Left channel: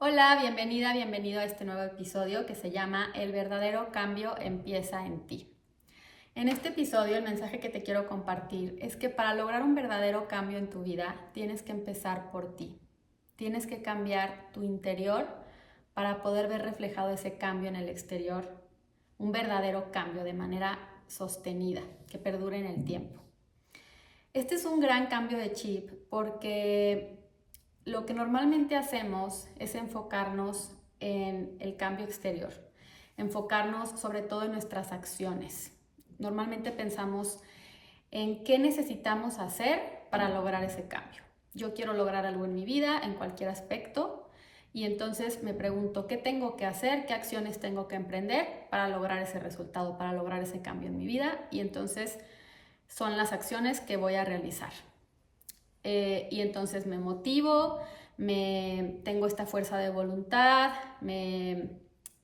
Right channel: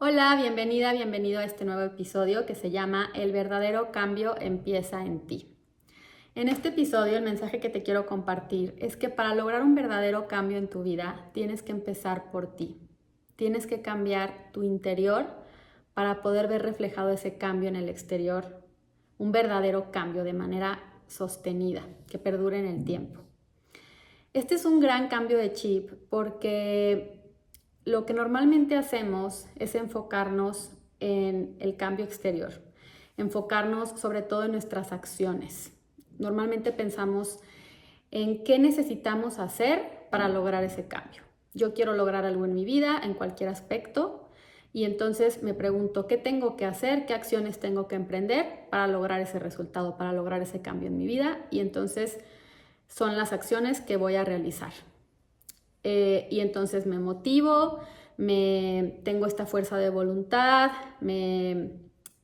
Hola, bienvenida, bienvenido a este nuevo episodio que se llama El verdadero cambio empieza en ti. En este episodio el mensaje que te quiero compartir es que para lograr un verdadero cambio en tu vida tienes que empezar por ti. Tienes que cambiar tu interior para poder ver reflejado ese cambio en el exterior, un verdadero cambio de manera sostenida, que perdure en el tiempo. Este es un gran cambio de chip porque lo que normalmente hacemos es enfocarnos en el cambio exterior, enfocarnos sobre todo en nuestras acciones. Normalmente pensamos en qué necesitamos hacer para lograr ese cambio. Yo quiero lograr algo en mi vida, en cualquier aspecto, y entonces me pregunto qué tengo que hacer, qué acciones tengo que emprender para lograr ese resultado, para lograr ese cambio en mi vida, y entonces son las acciones que voy a realizar. Y entonces me motivo, tengo esta fuerza de voluntad,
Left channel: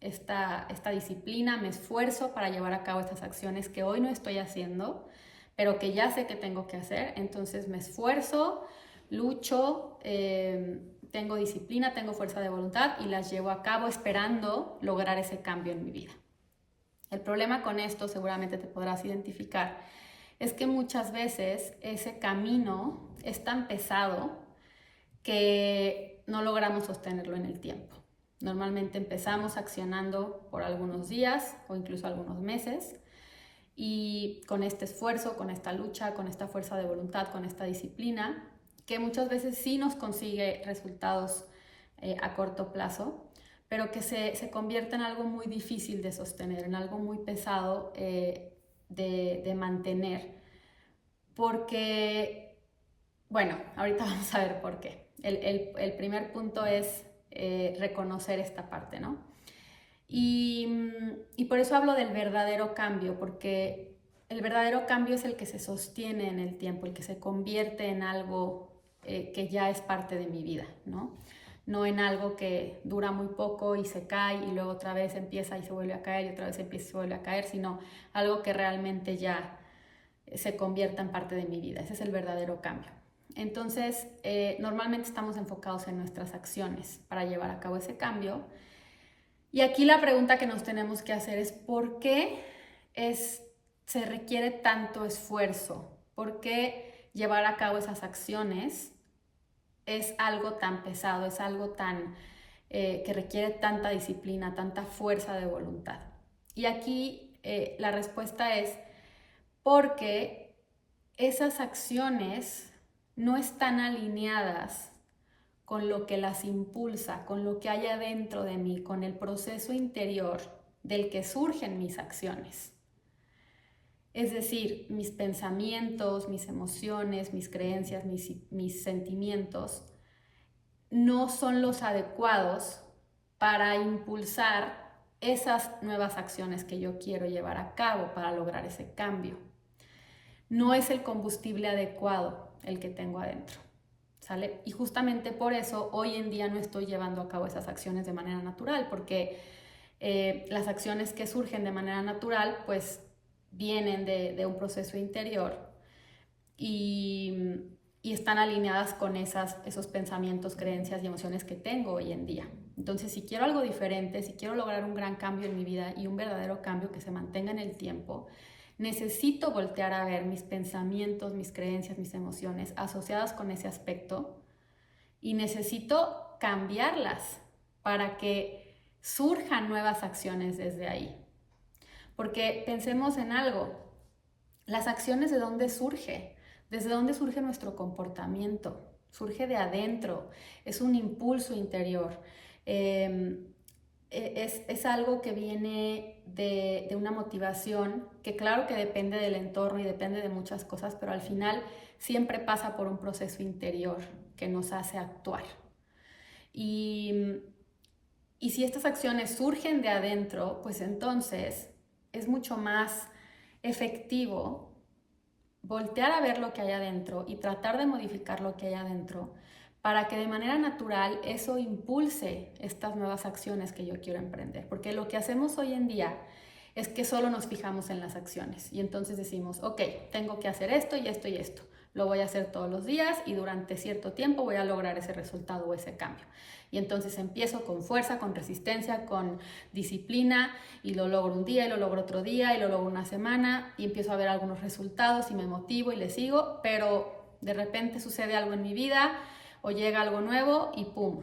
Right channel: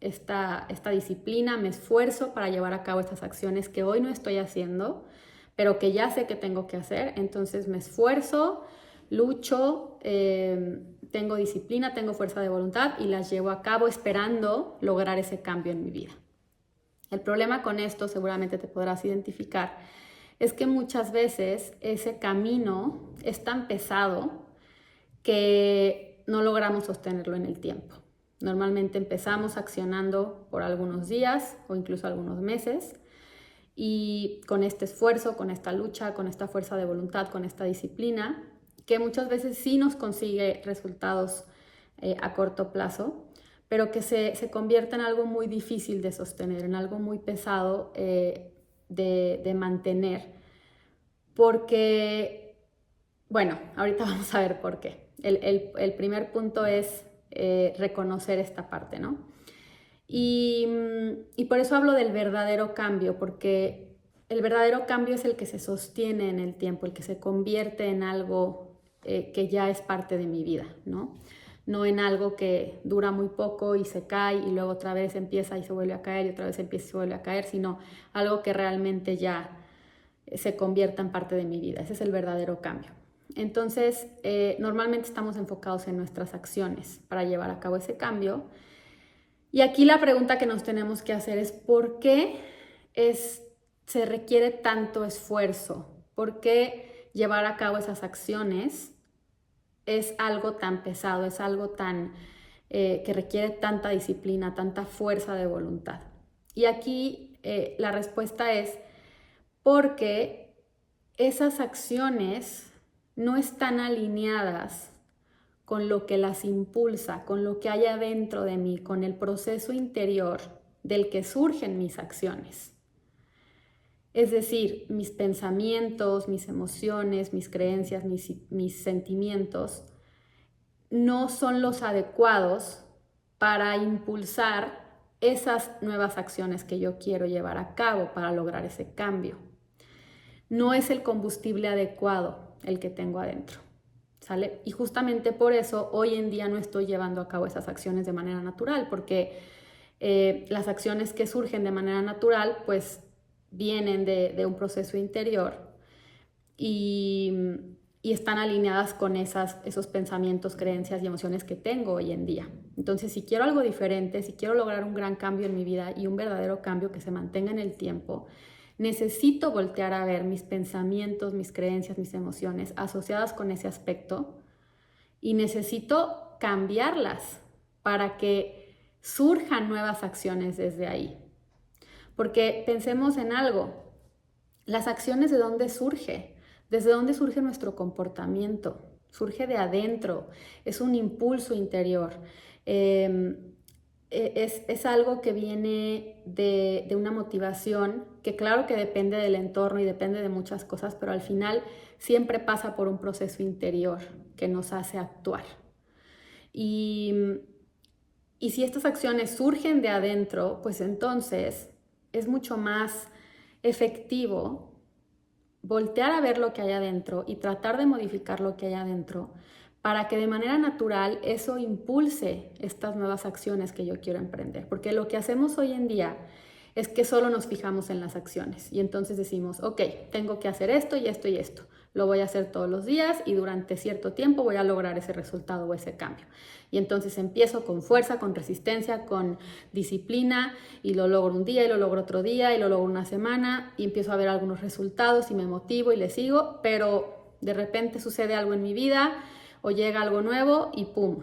esta disciplina, me esfuerzo para llevar a cabo estas acciones que hoy no estoy haciendo, pero que ya sé que tengo que hacer. Entonces me esfuerzo, lucho, tengo disciplina, tengo fuerza de voluntad y las llevo a cabo esperando lograr ese cambio en mi vida. El problema con esto, seguramente te podrás identificar, es que muchas veces ese camino es tan pesado que no logramos sostenerlo en el tiempo. Normalmente empezamos accionando por algunos días o incluso algunos meses y con este esfuerzo, con esta lucha, con esta fuerza de voluntad, con esta disciplina, que muchas veces sí nos consigue resultados a corto plazo, pero que se convierte en algo muy difícil de sostener, en algo muy pesado de mantener. Porque, bueno, ahorita vamos a ver por qué. El primer punto es reconocer esta parte, ¿no? Y por eso hablo del verdadero cambio, porque el verdadero cambio es el que se sostiene en el tiempo, el que se convierte en algo que ya es parte de mi vida, ¿no? No en algo que dura muy poco y se cae y luego otra vez empieza y se vuelve a caer y otra vez empieza y se vuelve a caer, sino algo que realmente ya se convierta en parte de mi vida. Ese es el verdadero cambio. Entonces, normalmente estamos enfocados en nuestras acciones para llevar a cabo ese cambio. Y aquí la pregunta que nos tenemos que hacer es ¿por qué se requiere tanto esfuerzo? ¿Por qué llevar a cabo esas acciones es algo tan pesado, es algo tan que requiere tanta disciplina, tanta fuerza de voluntad? Y aquí la respuesta es porque esas acciones no están alineadas con lo que las impulsa, con lo que hay adentro de mí, con el proceso interior del que surgen mis acciones. Es decir, mis pensamientos, mis emociones, mis creencias, mis sentimientos no son los adecuados para impulsar esas nuevas acciones que yo quiero llevar a cabo para lograr ese cambio. No es el combustible adecuado el que tengo adentro, ¿sale? Y justamente por eso hoy en día no estoy llevando a cabo esas acciones de manera natural, porque las acciones que surgen de manera natural pues vienen de un proceso interior y, y están alineadas con esos pensamientos, creencias y emociones que tengo hoy en día. Entonces, si quiero algo diferente, si quiero lograr un gran cambio en mi vida y un verdadero cambio que se mantenga en el tiempo, necesito voltear a ver mis pensamientos, mis creencias, mis emociones asociadas con ese aspecto y necesito cambiarlas para que surjan nuevas acciones desde ahí. Porque pensemos en algo, las acciones ¿de dónde surge? ¿Desde dónde surge nuestro comportamiento? Surge de adentro, es un impulso interior. Es algo que viene de una motivación que claro que depende del entorno y depende de muchas cosas, pero al final siempre pasa por un proceso interior que nos hace actuar. Y, y si estas acciones surgen de adentro, pues entonces es mucho más efectivo voltear a ver lo que hay adentro y tratar de modificar lo que hay adentro para que de manera natural eso impulse estas nuevas acciones que yo quiero emprender. Porque lo que hacemos hoy en día es que solo nos fijamos en las acciones y entonces decimos, ok, tengo que hacer esto y esto y esto, Lo voy a hacer todos los días y durante cierto tiempo voy a lograr ese resultado o ese cambio. Y entonces empiezo con fuerza, con resistencia, con disciplina y lo logro un día y lo logro otro día y lo logro una semana y empiezo a ver algunos resultados y me motivo y le sigo, pero de repente sucede algo en mi vida o llega algo nuevo y ¡pum!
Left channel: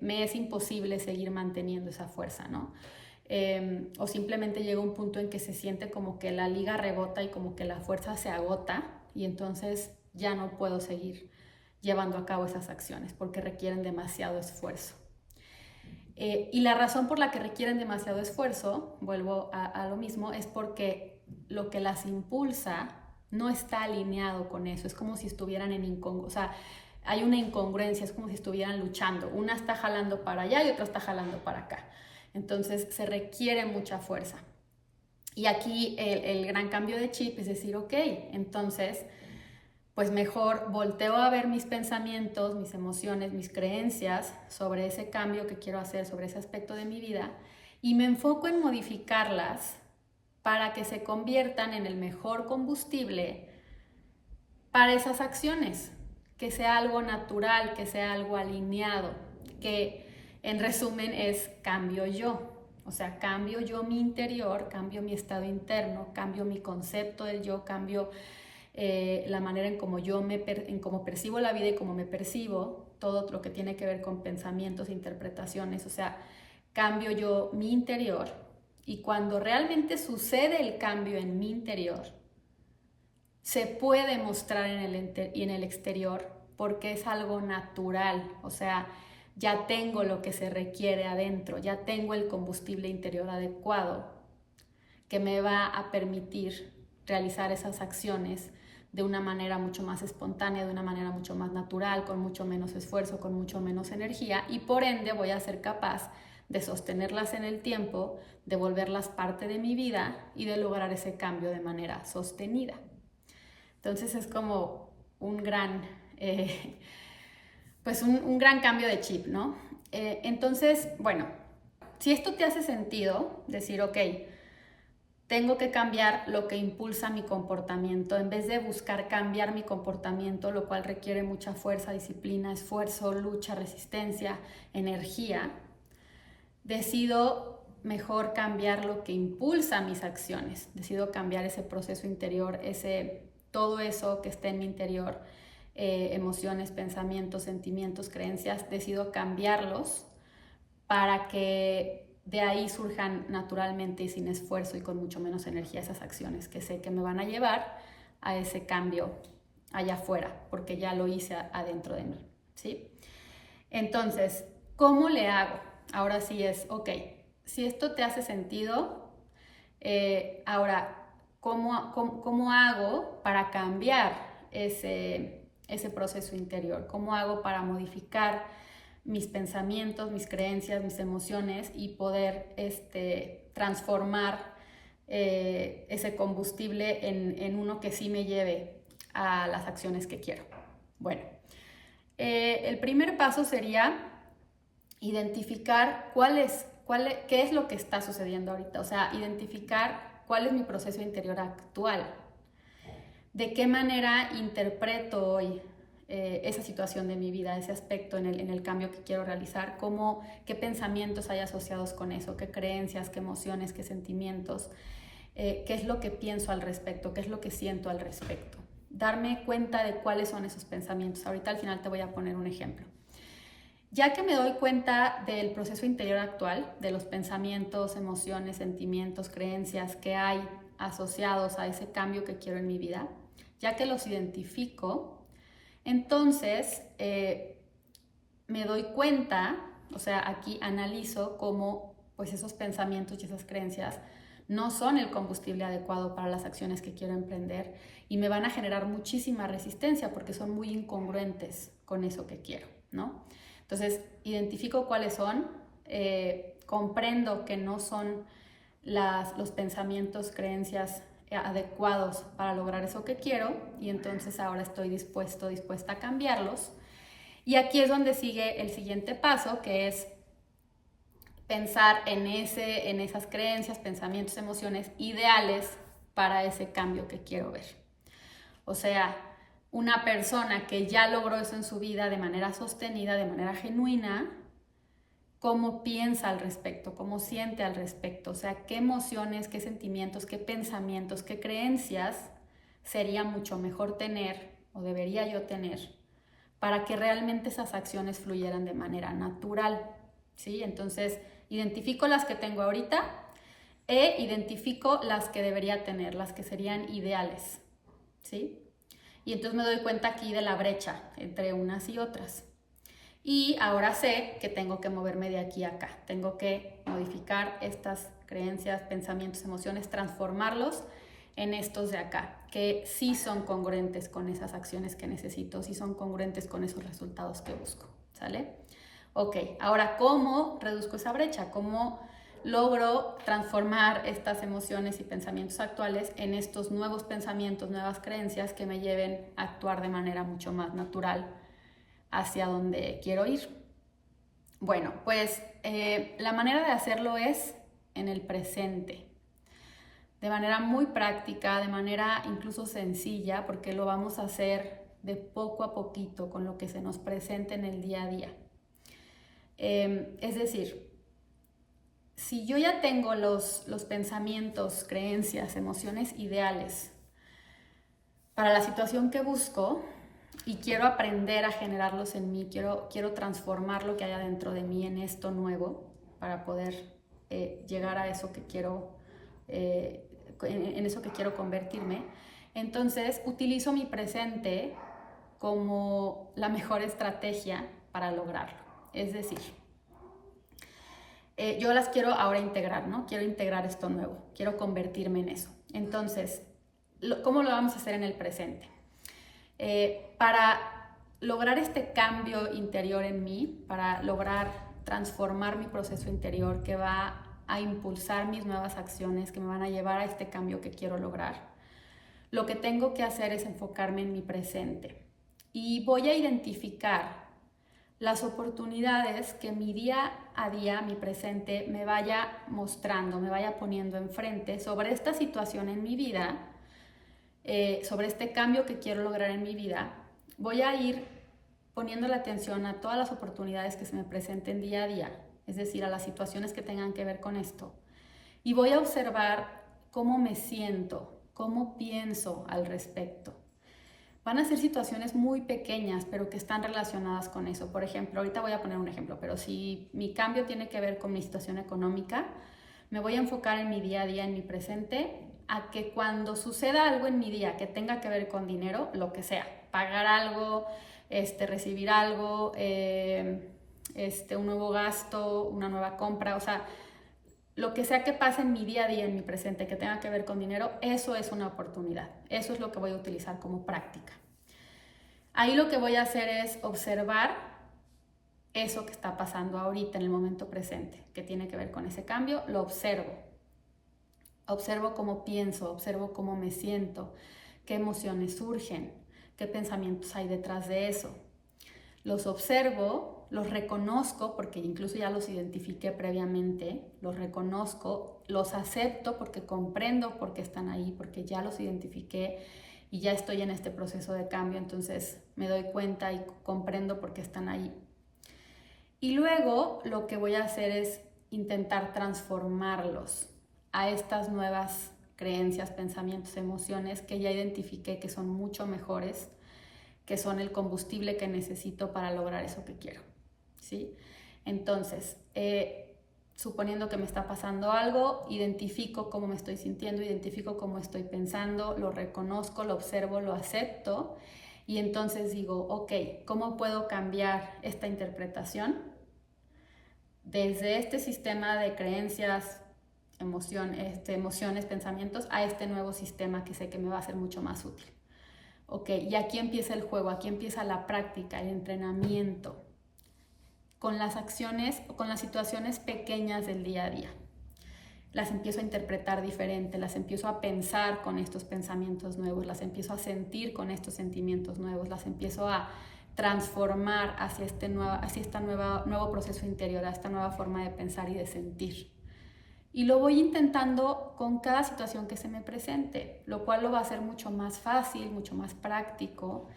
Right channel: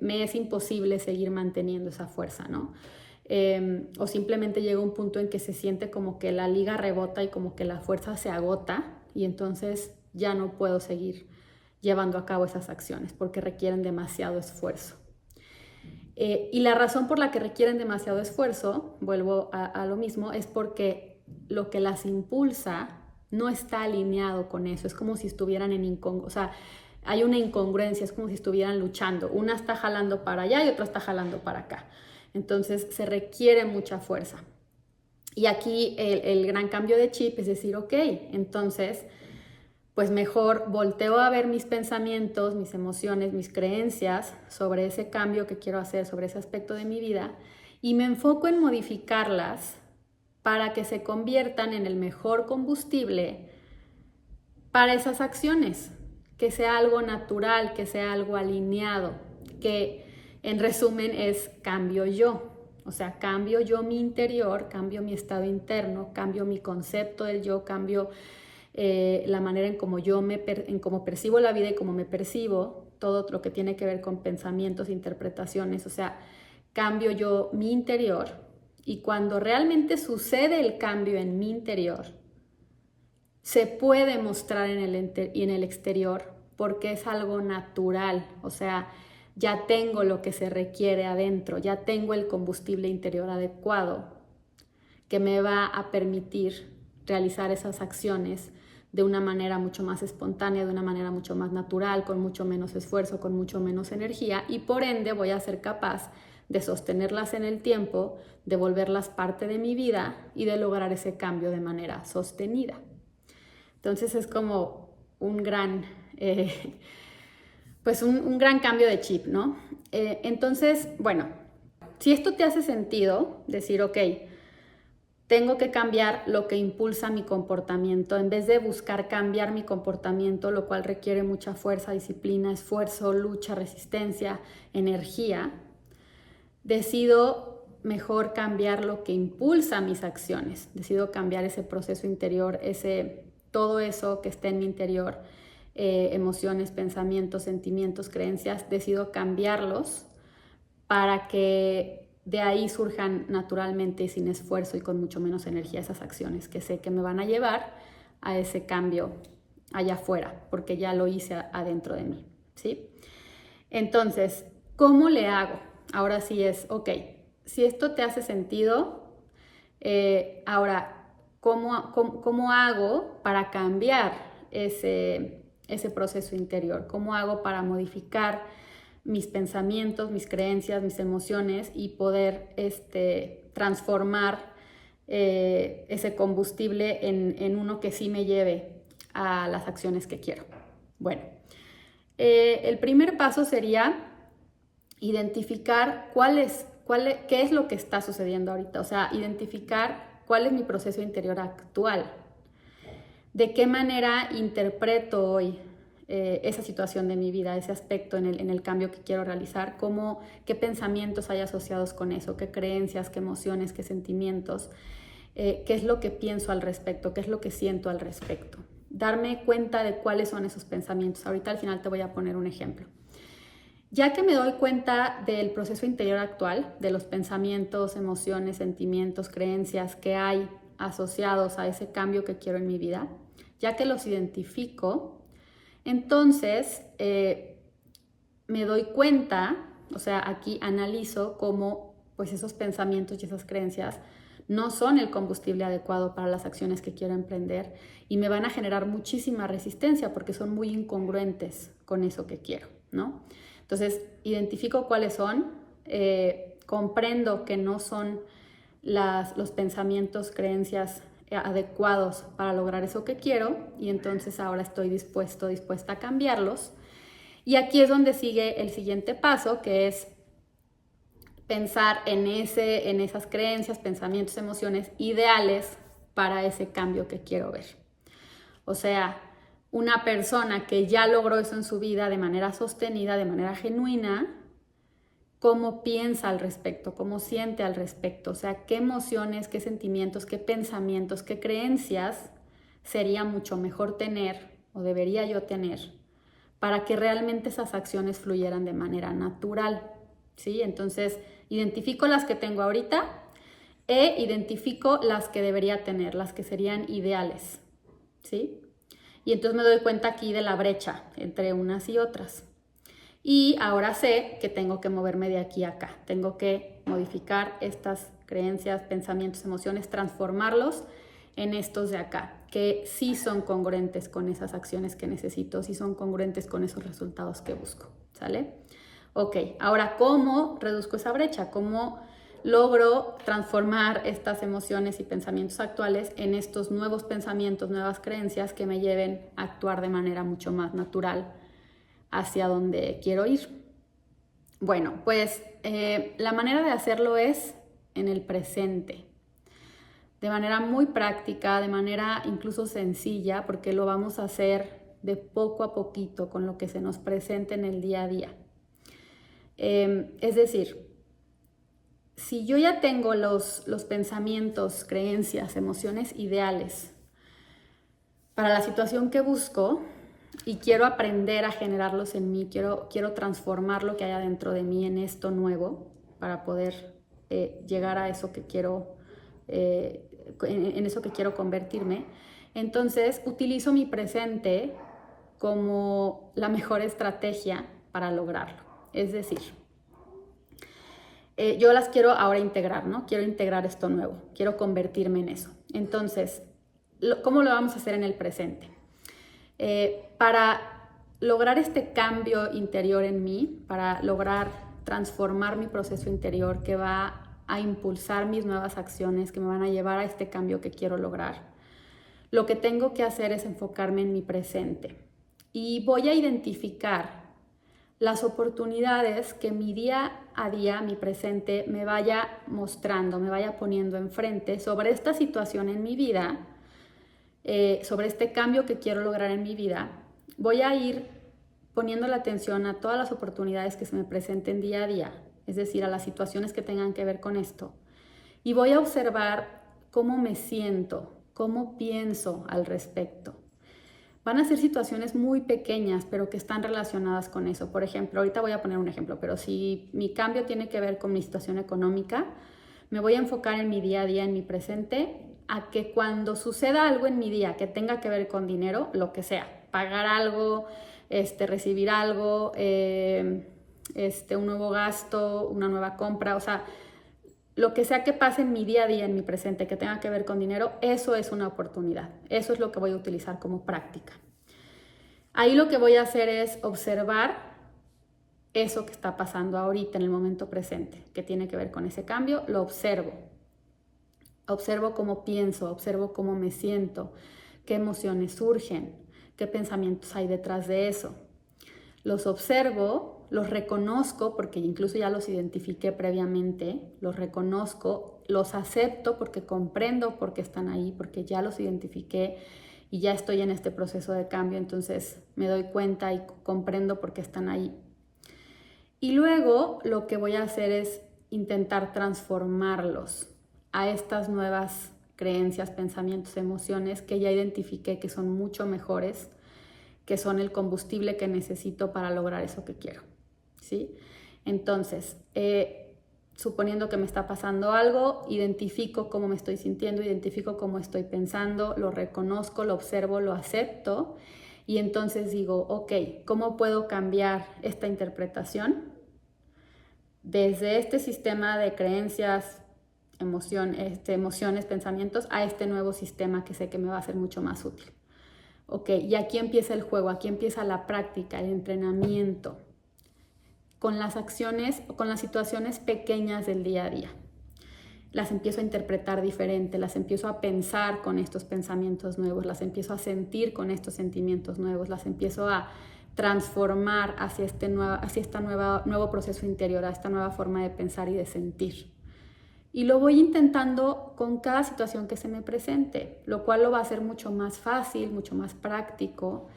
Me es imposible seguir manteniendo esa fuerza, ¿no? O simplemente llega un punto en que se siente como que la liga rebota y como que la fuerza se agota y entonces ya no puedo seguir llevando a cabo esas acciones porque requieren demasiado esfuerzo. Y la razón por la que requieren demasiado esfuerzo, vuelvo a lo mismo, es porque lo que las impulsa no está alineado con eso. Es como si estuvieran o sea, hay una incongruencia, es como si estuvieran luchando. Una está jalando para allá y otra está jalando para acá. Entonces se requiere mucha fuerza. Y aquí el gran cambio de chip es decir, ok, entonces pues mejor volteo a ver mis pensamientos, mis emociones, mis creencias sobre ese cambio que quiero hacer, sobre ese aspecto de mi vida y me enfoco en modificarlas para que se conviertan en el mejor combustible para esas acciones, que sea algo natural, que sea algo alineado, que en resumen es cambio yo. O sea, cambio yo mi interior, cambio mi estado interno, cambio mi concepto del yo, cambio la manera en cómo en cómo percibo la vida y cómo me percibo, todo lo que tiene que ver con pensamientos, interpretaciones, o sea, cambio yo mi interior y cuando realmente sucede el cambio en mi interior, se puede mostrar en el exterior porque es algo natural, o sea, ya tengo lo que se requiere adentro, ya tengo el combustible interior adecuado que me va a permitir realizar esas acciones de una manera mucho más espontánea, de una manera mucho más natural, con mucho menos esfuerzo, con mucho menos energía y por ende voy a ser capaz de sostenerlas en el tiempo, de volverlas parte de mi vida y de lograr ese cambio de manera sostenida. Entonces es como un gran, pues un gran cambio de chip, ¿no? Entonces, bueno, si esto te hace sentido, decir, ok, tengo que cambiar lo que impulsa mi comportamiento en vez de buscar cambiar mi comportamiento, lo cual requiere mucha fuerza, disciplina, esfuerzo, lucha, resistencia, energía. Decido mejor cambiar lo que impulsa mis acciones. Decido cambiar ese proceso interior, todo eso que está en mi interior, emociones, pensamientos, sentimientos, creencias. Decido cambiarlos para que de ahí surjan naturalmente y sin esfuerzo y con mucho menos energía esas acciones que sé que me van a llevar a ese cambio allá afuera, porque ya lo hice adentro de mí, ¿sí? Entonces, ¿cómo le hago? Ahora sí es, ok, si esto te hace sentido, ahora, ¿cómo hago para cambiar ese proceso interior? ¿Cómo hago para modificar mis pensamientos, mis creencias, mis emociones y poder transformar ese combustible en uno que sí me lleve a las acciones que quiero? Bueno, el primer paso sería identificar qué es lo que está sucediendo ahorita, o sea, identificar cuál es mi proceso interior actual, de qué manera interpreto hoy esa situación de mi vida, ese aspecto en el cambio que quiero realizar, qué pensamientos hay asociados con eso, qué creencias, qué emociones, qué sentimientos, qué es lo que pienso al respecto, qué es lo que siento al respecto. Darme cuenta de cuáles son esos pensamientos. Ahorita al final te voy a poner un ejemplo. Ya que me doy cuenta del proceso interior actual, de los pensamientos, emociones, sentimientos, creencias que hay asociados a ese cambio que quiero en mi vida, ya que los identifico, entonces me doy cuenta, o sea, aquí analizo cómo pues esos pensamientos y esas creencias no son el combustible adecuado para las acciones que quiero emprender y me van a generar muchísima resistencia porque son muy incongruentes con eso que quiero, ¿no? Entonces, identifico cuáles son, comprendo que no son los pensamientos, creencias adecuados para lograr eso que quiero y entonces ahora estoy dispuesta a cambiarlos. Y aquí es donde sigue el siguiente paso, que es pensar en esas creencias, pensamientos, emociones ideales para ese cambio que quiero ver. O sea, una persona que ya logró eso en su vida de manera sostenida, de manera genuina, cómo piensa al respecto, cómo siente al respecto, o sea, qué emociones, qué sentimientos, qué pensamientos, qué creencias sería mucho mejor tener o debería yo tener para que realmente esas acciones fluyeran de manera natural, ¿sí? Entonces, identifico las que tengo ahorita e identifico las que debería tener, las que serían ideales, ¿sí? Y entonces me doy cuenta aquí de la brecha entre unas y otras. Y ahora sé que tengo que moverme de aquí a acá. Tengo que modificar estas creencias, pensamientos, emociones, transformarlos en estos de acá, que sí son congruentes con esas acciones que necesito, sí son congruentes con esos resultados que busco, ¿sale? Ok, ahora, ¿cómo reduzco esa brecha? ¿Cómo logro transformar estas emociones y pensamientos actuales en estos nuevos pensamientos, nuevas creencias que me lleven a actuar de manera mucho más natural hacia donde quiero ir? Bueno, pues la manera de hacerlo es en el presente, de manera muy práctica, de manera incluso sencilla, porque lo vamos a hacer de poco a poquito con lo que se nos presente en el día a día. Es decir, si yo ya tengo los pensamientos, creencias, emociones ideales para la situación que busco y quiero aprender a generarlos en mí, quiero transformar lo que hay adentro de mí en esto nuevo para poder llegar a eso que quiero, en eso que quiero convertirme, entonces utilizo mi presente como la mejor estrategia para lograrlo. Es decir, yo las quiero ahora integrar, ¿no? Quiero integrar esto nuevo, quiero convertirme en eso. Entonces, ¿cómo lo vamos a hacer en el presente? Para lograr este cambio interior en mí, para lograr transformar mi proceso interior que va a impulsar mis nuevas acciones, que me van a llevar a este cambio que quiero lograr, lo que tengo que hacer es enfocarme en mi presente. Y voy a identificar las oportunidades que mi día a día, mi presente, me vaya mostrando, me vaya poniendo enfrente sobre esta situación en mi vida, sobre este cambio que quiero lograr en mi vida. Voy a ir poniendo la atención a todas las oportunidades que se me presenten día a día, es decir, a las situaciones que tengan que ver con esto. Y voy a observar cómo me siento, cómo pienso al respecto. Van a ser situaciones muy pequeñas, pero que están relacionadas con eso. Por ejemplo, ahorita voy a poner un ejemplo, pero si mi cambio tiene que ver con mi situación económica, me voy a enfocar en mi día a día, en mi presente, a que cuando suceda algo en mi día que tenga que ver con dinero, lo que sea, pagar algo, recibir algo, un nuevo gasto, una nueva compra, o sea, lo que sea que pase en mi día a día, en mi presente, que tenga que ver con dinero, eso es una oportunidad. Eso es lo que voy a utilizar como práctica. Ahí lo que voy a hacer es observar eso que está pasando ahorita en el momento presente, que tiene que ver con ese cambio, lo observo. Observo cómo pienso, observo cómo me siento, qué emociones surgen, qué pensamientos hay detrás de eso. Los observo, los reconozco porque incluso ya los identifiqué previamente, los reconozco, los acepto porque comprendo por qué están ahí, porque ya los identifiqué y ya estoy en este proceso de cambio, entonces me doy cuenta y comprendo por qué están ahí. Y luego lo que voy a hacer es intentar transformarlos a estas nuevas creencias, pensamientos, emociones que ya identifiqué que son mucho mejores, que son el combustible que necesito para lograr eso que quiero, ¿sí? Entonces, suponiendo que me está pasando algo, identifico cómo me estoy sintiendo, identifico cómo estoy pensando, lo reconozco, lo observo, lo acepto y entonces digo, ok, ¿cómo puedo cambiar esta interpretación desde este sistema de creencias, emociones, pensamientos a este nuevo sistema que sé que me va a ser mucho más útil? Ok, y aquí empieza el juego, aquí empieza la práctica, el entrenamiento con las acciones o con las situaciones pequeñas del día a día. Las empiezo a interpretar diferente, las empiezo a pensar con estos pensamientos nuevos, las empiezo a sentir con estos sentimientos nuevos, las empiezo a transformar hacia este nuevo proceso interior, a esta nueva forma de pensar y de sentir. Y lo voy intentando con cada situación que se me presente, lo cual lo va a hacer mucho más fácil, mucho más práctico.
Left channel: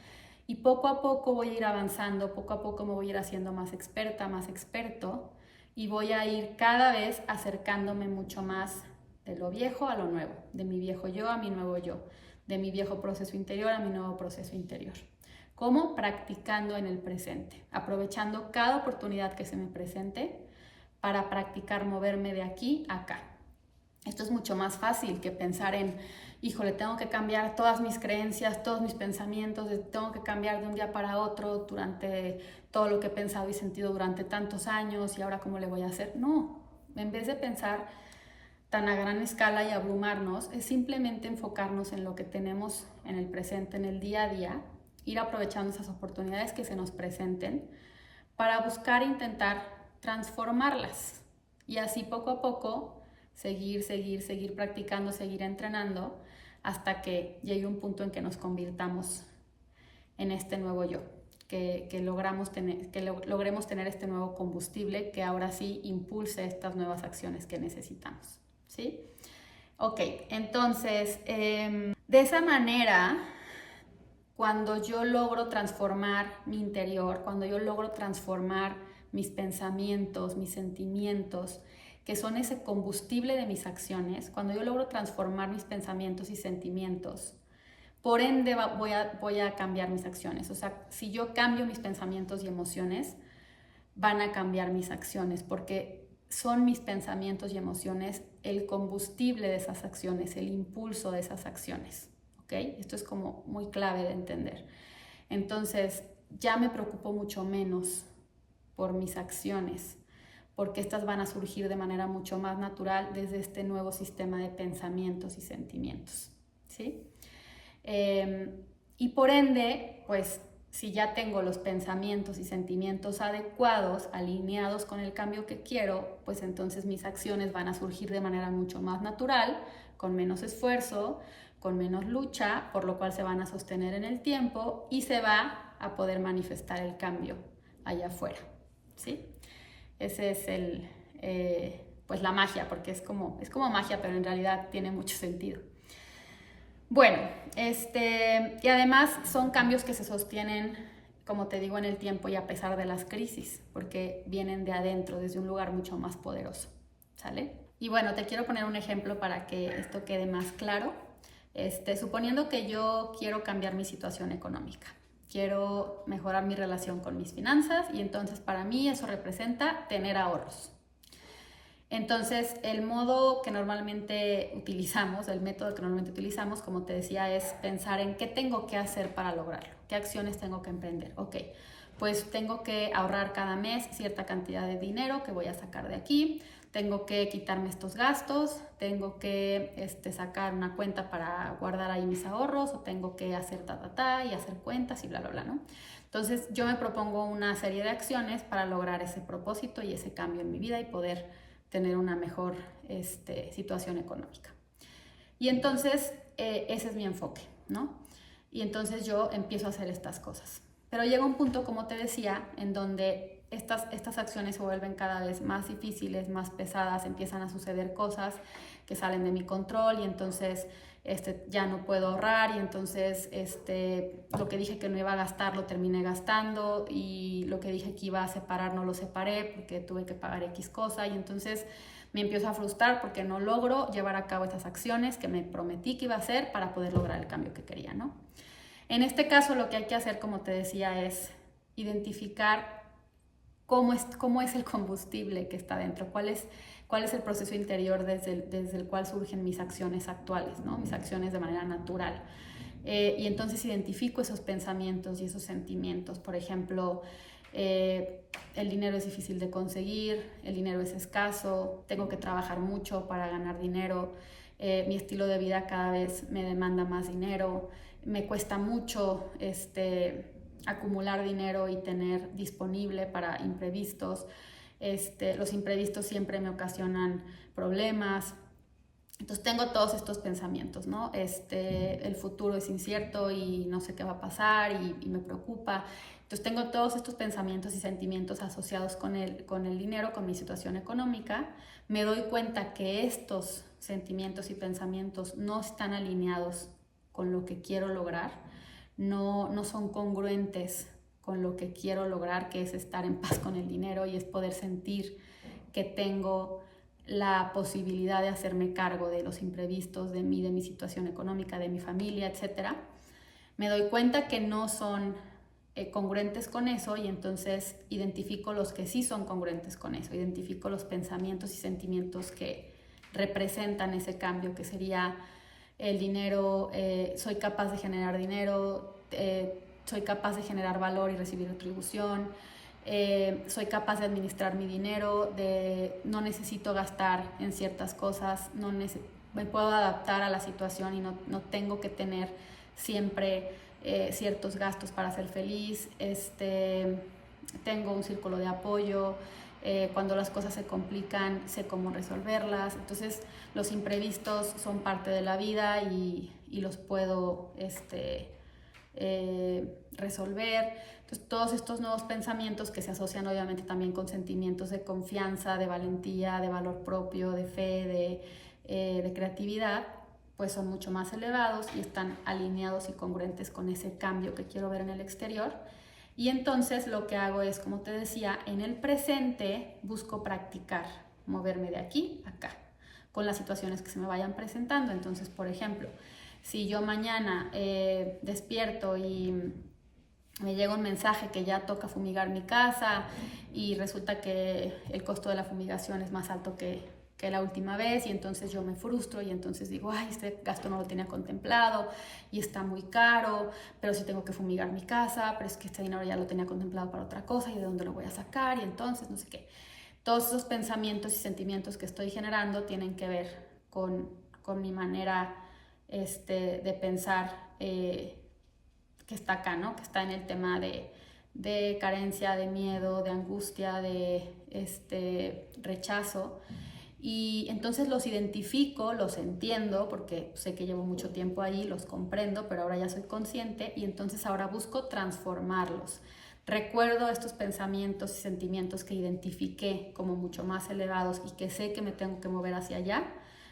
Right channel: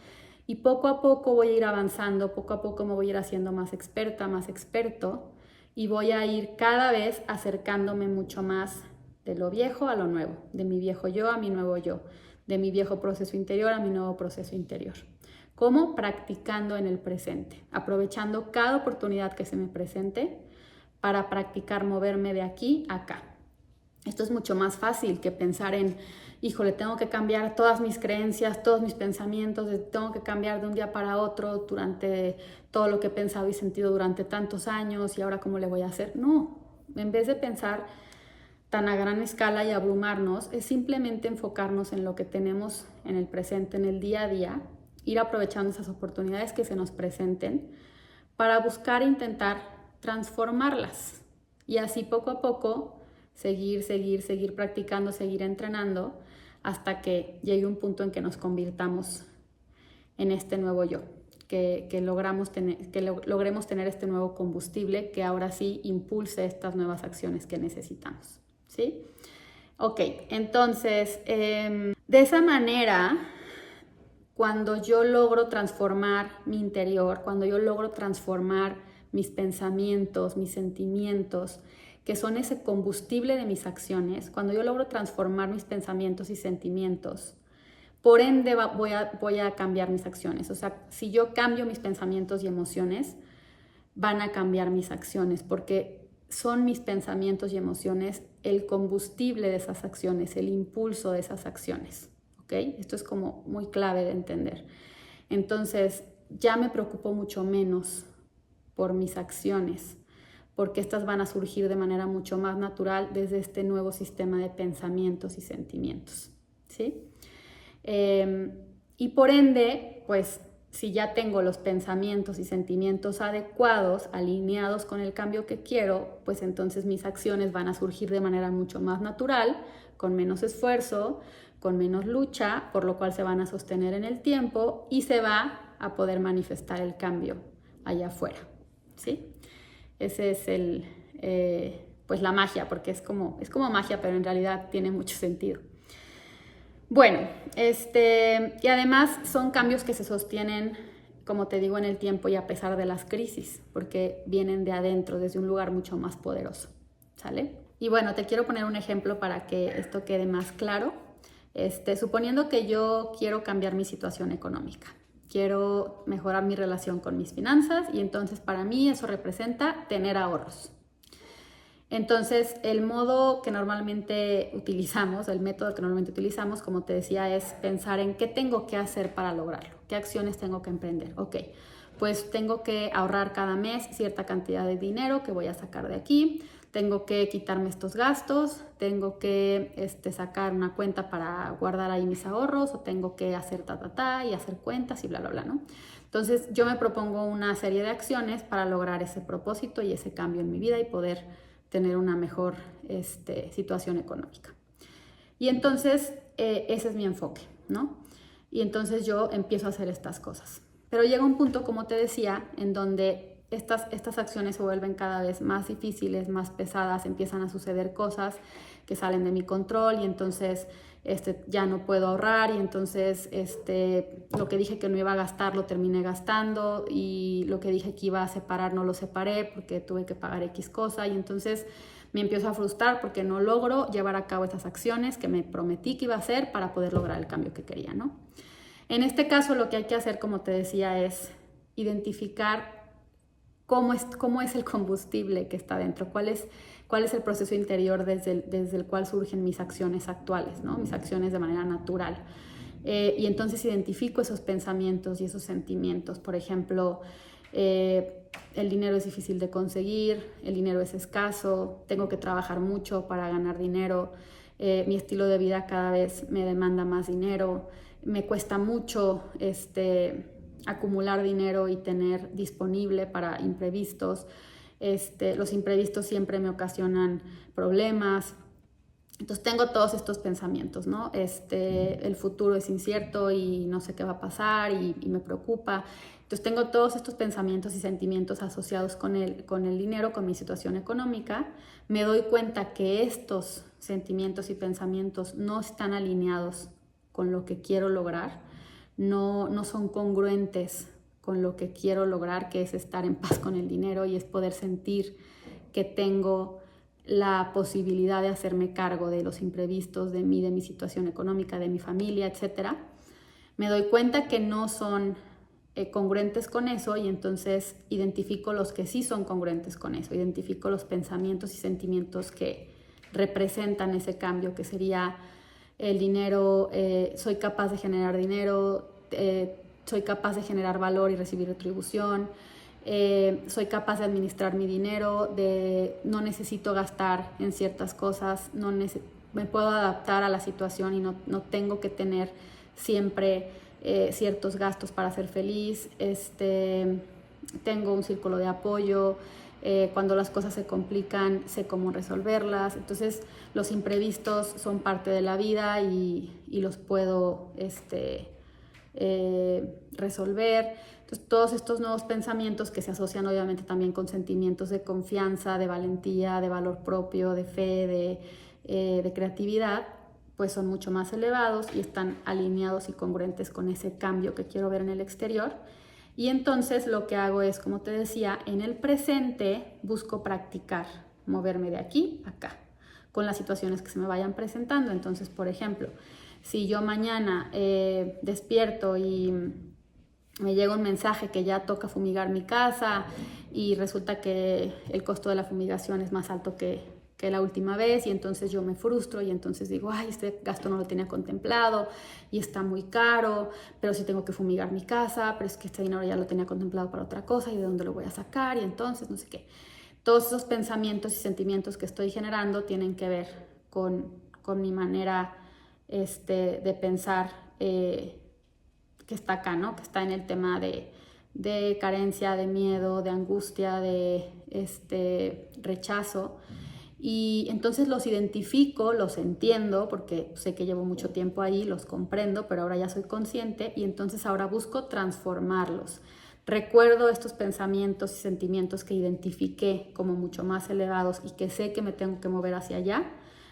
Y poco a poco voy a ir avanzando, poco a poco me voy a ir haciendo más experta, más experto, y voy a ir cada vez acercándome mucho más de lo viejo a lo nuevo, de mi viejo yo a mi nuevo yo, de mi viejo proceso interior a mi nuevo proceso interior. ¿Cómo? Practicando en el presente, aprovechando cada oportunidad que se me presente para practicar moverme de aquí a acá. Esto es mucho más fácil que pensar en, híjole, tengo que cambiar todas mis creencias, todos mis pensamientos, tengo que cambiar de un día para otro durante todo lo que he pensado y sentido durante tantos años y ahora cómo le voy a hacer. No, en vez de pensar tan a gran escala y abrumarnos, es simplemente enfocarnos en lo que tenemos en el presente, en el día a día, ir aprovechando esas oportunidades que se nos presenten para buscar e intentar transformarlas y así poco a poco seguir practicando, seguir entrenando hasta que llegue un punto en que nos convirtamos en este nuevo yo, que logremos tener este nuevo combustible que ahora sí impulse estas nuevas acciones que necesitamos, ¿sí? Ok, entonces, de esa manera, cuando yo logro transformar mi interior, cuando yo logro transformar mis pensamientos, mis sentimientos, que son ese combustible de mis acciones, cuando yo logro transformar mis pensamientos y sentimientos, por ende voy a cambiar mis acciones. O sea, si yo cambio mis pensamientos y emociones, van a cambiar mis acciones, porque son mis pensamientos y emociones el combustible de esas acciones, el impulso de esas acciones. ¿Okay? Esto es como muy clave de entender. Entonces, ya me preocupo mucho menos por mis acciones, porque estas van a surgir de manera mucho más natural desde este nuevo sistema de pensamientos y sentimientos, ¿sí? Y por ende, pues si ya tengo los pensamientos y sentimientos adecuados, alineados con el cambio que quiero, pues entonces mis acciones van a surgir de manera mucho más natural, con menos esfuerzo, con menos lucha, por lo cual se van a sostener en el tiempo y se va a poder manifestar el cambio allá afuera, ¿sí? Ese es pues la magia, porque es como magia, pero en realidad tiene mucho sentido. Bueno, y además son cambios que se sostienen, como te digo, en el tiempo y a pesar de las crisis, porque vienen de adentro, desde un lugar mucho más poderoso, ¿sale? Y bueno, te quiero poner un ejemplo para que esto quede más claro. Suponiendo que yo quiero cambiar mi situación económica, quiero mejorar mi relación con mis finanzas y entonces para mí eso representa tener ahorros. Entonces, el modo que normalmente utilizamos, el método que normalmente utilizamos, como te decía, es pensar en qué tengo que hacer para lograrlo, qué acciones tengo que emprender. Ok, pues tengo que ahorrar cada mes cierta cantidad de dinero que voy a sacar de aquí, tengo que quitarme estos gastos, tengo que sacar una cuenta para guardar ahí mis ahorros, o tengo que hacer y hacer cuentas y bla, bla, bla, ¿no? Entonces, yo me propongo una serie de acciones para lograr ese propósito y ese cambio en mi vida y poder tener una mejor situación económica. Y entonces ese es mi enfoque, ¿no? Y entonces yo empiezo a hacer estas cosas. Pero llega un punto, como te decía, en donde estas acciones se vuelven cada vez más difíciles, más pesadas, empiezan a suceder cosas que salen de mi control y entonces ya no puedo ahorrar y entonces lo que dije que no iba a gastar lo terminé gastando y lo que dije que iba a separar no lo separé porque tuve que pagar X cosa y entonces me empiezo a frustrar porque no logro llevar a cabo estas acciones que me prometí que iba a hacer para poder lograr el cambio que quería, ¿no? En este caso lo que hay que hacer, como te decía, es identificar cómo es el combustible que está dentro, cuál es el proceso interior desde el cual surgen mis acciones actuales, ¿no? Mis acciones de manera natural. Y entonces identifico esos pensamientos y esos sentimientos. Por ejemplo, el dinero es difícil de conseguir, el dinero es escaso, tengo que trabajar mucho para ganar dinero, mi estilo de vida cada vez me demanda más dinero, me cuesta mucho acumular dinero y tener disponible para imprevistos. Los imprevistos siempre me ocasionan problemas. Entonces tengo todos estos pensamientos, ¿no? El futuro es incierto y no sé qué va a pasar y me preocupa. Entonces tengo todos estos pensamientos y sentimientos asociados con el dinero, con mi situación económica. Me doy cuenta que estos sentimientos y pensamientos no están alineados con lo que quiero lograr, no son congruentes con lo que quiero lograr, que es estar en paz con el dinero y es poder sentir que tengo la posibilidad de hacerme cargo de los imprevistos, de mí, de mi situación económica, de mi familia, etc. Me doy cuenta que no son congruentes con eso y entonces identifico los que sí son congruentes con eso, identifico los pensamientos y sentimientos que representan ese cambio, que sería el dinero, soy capaz de generar dinero, soy capaz de generar valor y recibir retribución, soy capaz de administrar mi dinero, no necesito gastar en ciertas cosas, me puedo adaptar a la situación y no tengo que tener siempre ciertos gastos para ser feliz, tengo un círculo de apoyo, cuando las cosas se complican sé cómo resolverlas, entonces los imprevistos son parte de la vida y los puedo resolver. Entonces todos estos nuevos pensamientos que se asocian obviamente también con sentimientos de confianza, de valentía, de valor propio, de fe, de creatividad, pues son mucho más elevados y están alineados y congruentes con ese cambio que quiero ver en el exterior. Y entonces lo que hago es, como te decía, en el presente busco practicar, moverme de aquí a acá, con las situaciones que se me vayan presentando. Entonces, por ejemplo, si yo mañana despierto y me llega un mensaje que ya toca fumigar mi casa y resulta que el costo de la fumigación es más alto que la última vez y entonces yo me frustro y entonces digo, ay, este gasto no lo tenía contemplado y está muy caro, pero sí tengo que fumigar mi casa, pero es que este dinero ya lo tenía contemplado para otra cosa y de dónde lo voy a sacar y entonces no sé qué. Todos esos pensamientos y sentimientos que estoy generando tienen que ver con mi manera de pensar que está acá, ¿no? Que está en el tema de carencia, de miedo, de angustia, de rechazo. Y entonces los identifico, los entiendo, porque sé que llevo mucho tiempo ahí, los comprendo, pero ahora ya soy consciente y entonces ahora busco transformarlos. Recuerdo estos pensamientos y sentimientos que identifiqué como mucho más elevados y que sé que me tengo que mover hacia allá.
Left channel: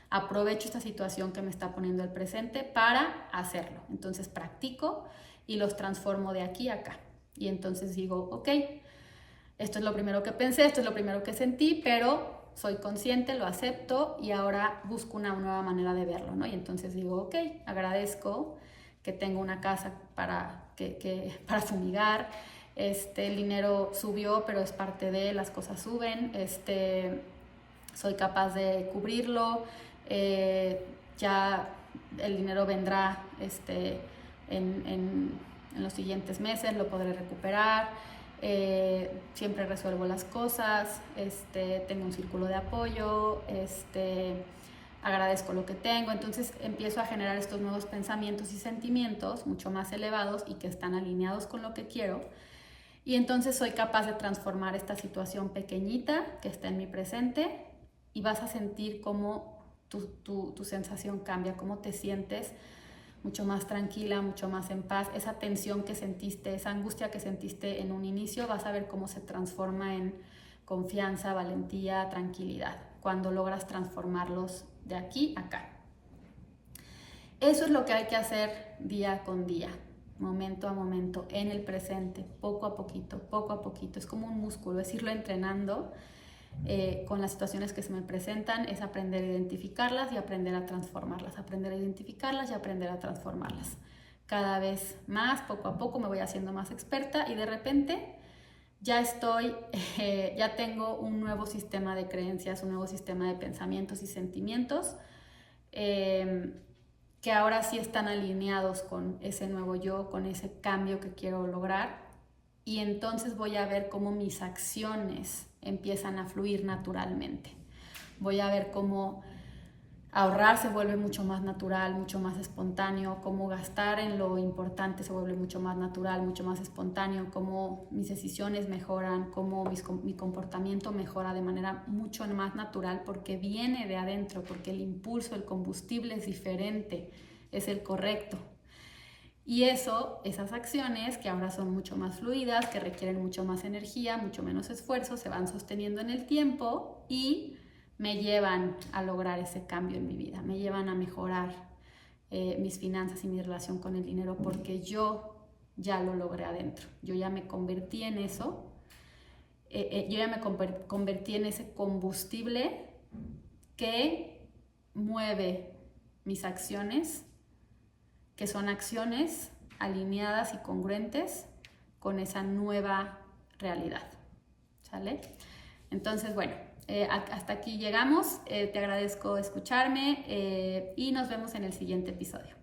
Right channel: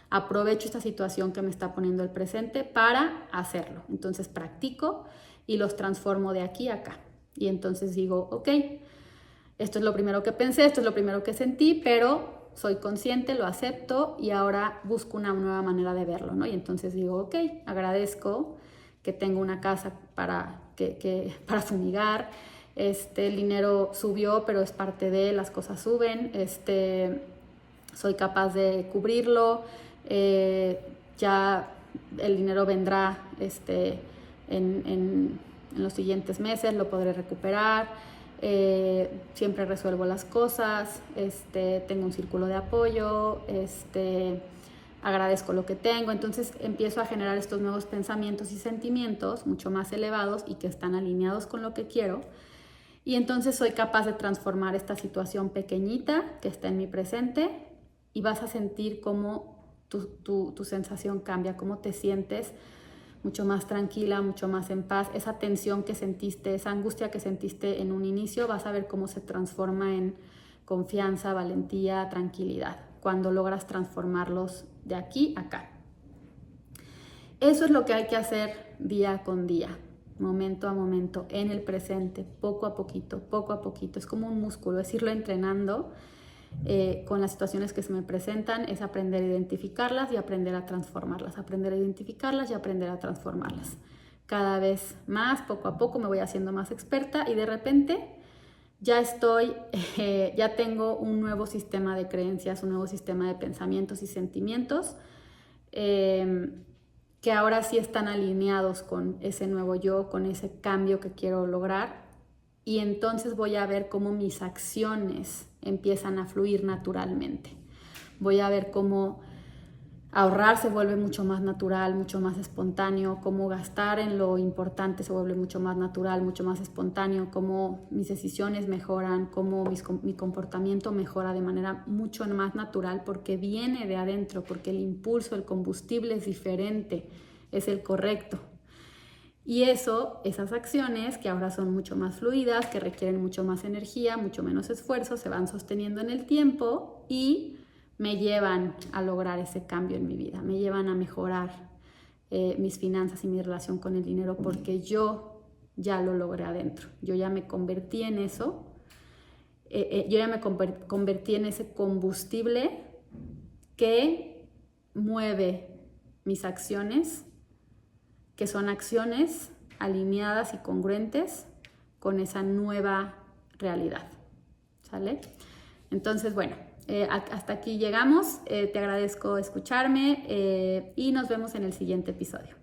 Aprovecho esta situación que me está poniendo el presente para hacerlo. Entonces practico y los transformo de aquí a acá. Y entonces digo, ok, esto es lo primero que pensé, esto es lo primero que sentí, pero soy consciente, lo acepto y ahora busco una nueva manera de verlo, ¿no? Y entonces digo, ok, agradezco que tengo una casa para fumigar, el dinero subió, pero es parte de, las cosas suben, soy capaz de cubrirlo, ya el dinero vendrá en los siguientes meses, lo podré recuperar. Siempre resuelvo las cosas, tengo un círculo de apoyo, agradezco lo que tengo, entonces empiezo a generar estos nuevos pensamientos y sentimientos mucho más elevados y que están alineados con lo que quiero y entonces soy capaz de transformar esta situación pequeñita que está en mi presente y vas a sentir cómo tu sensación cambia, cómo te sientes mucho más tranquila, mucho más en paz. Esa tensión que sentiste, esa angustia que sentiste en un inicio, vas a ver cómo se transforma en confianza, valentía, tranquilidad, cuando logras transformarlos de aquí a acá. Eso es lo que hay que hacer día con día, momento a momento, en el presente, poco a poquito, poco a poquito. Es como un músculo, es irlo entrenando. Con las situaciones que se me presentan es aprender a identificarlas y aprender a transformarlas, aprender a identificarlas y aprender a transformarlas. Cada vez más, poco a poco me voy haciendo más experta y de repente ya tengo un nuevo sistema de creencias, un nuevo sistema de pensamientos y sentimientos que ahora sí están alineados con ese nuevo yo, con ese cambio que quiero lograr. Y entonces voy a ver cómo mis acciones empiezan a fluir naturalmente. Voy a ver cómo ahorrar se vuelve mucho más natural, mucho más espontáneo, cómo gastar en lo importante se vuelve mucho más natural, mucho más espontáneo, cómo mis decisiones mejoran, cómo mi comportamiento mejora de manera mucho más natural porque viene de adentro, porque el impulso, el combustible es diferente, es el correcto. Y esas acciones que ahora son mucho más fluidas, que requieren mucho más energía, mucho menos esfuerzo, se van sosteniendo en el tiempo y me llevan a lograr ese cambio en mi vida, me llevan a mejorar mis finanzas y mi relación con el dinero porque yo ya lo logré adentro, yo ya me convertí en eso, yo ya me convertí en ese combustible que mueve mis acciones, que son acciones alineadas y congruentes con esa nueva realidad, ¿sale? Entonces, bueno, hasta aquí llegamos. Te agradezco escucharme y nos vemos en el siguiente episodio.